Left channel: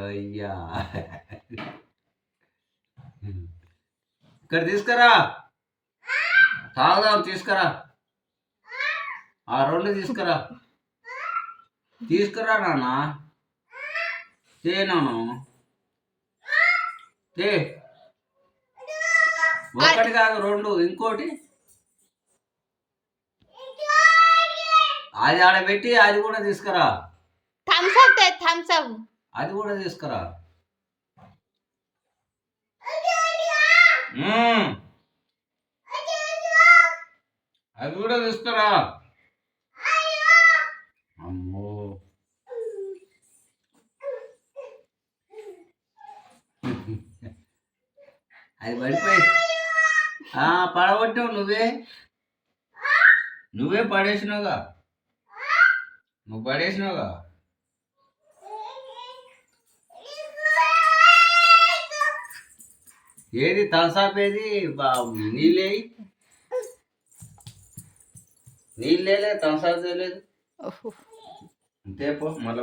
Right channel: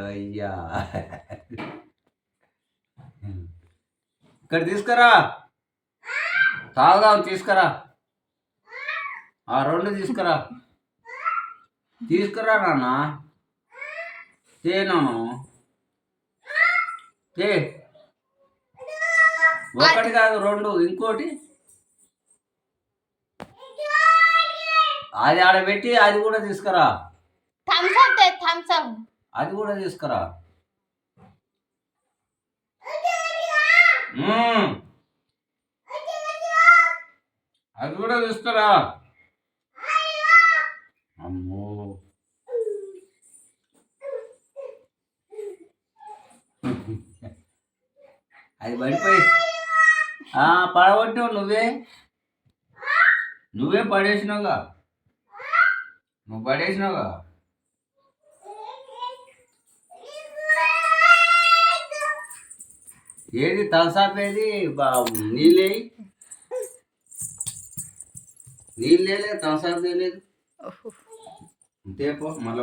అయ్యా ఇక్కడ తీసుకురా, తాగుదాం తీసుకురా, ఆ రెండు తీసుకురా, తీసుకురా నాన్న, తేనాను తే, ఒకటి కాదు రెండు, ఇంకోటి అది ఆడబెట్టి అది కూడా తీసుకురా, అది కూడా తీసుకురా. అది కూడా తీసుకురా. అమ్మో అది పడిపోయి పడగొట్టావు, నువ్వే పడేసినావుగా, నువ్వు పడేసినావుగా. ఏది తలసాపు, ఏది నీళ్ళే తలసాపు తేలేదు. అంతే పో మళ్ళీ.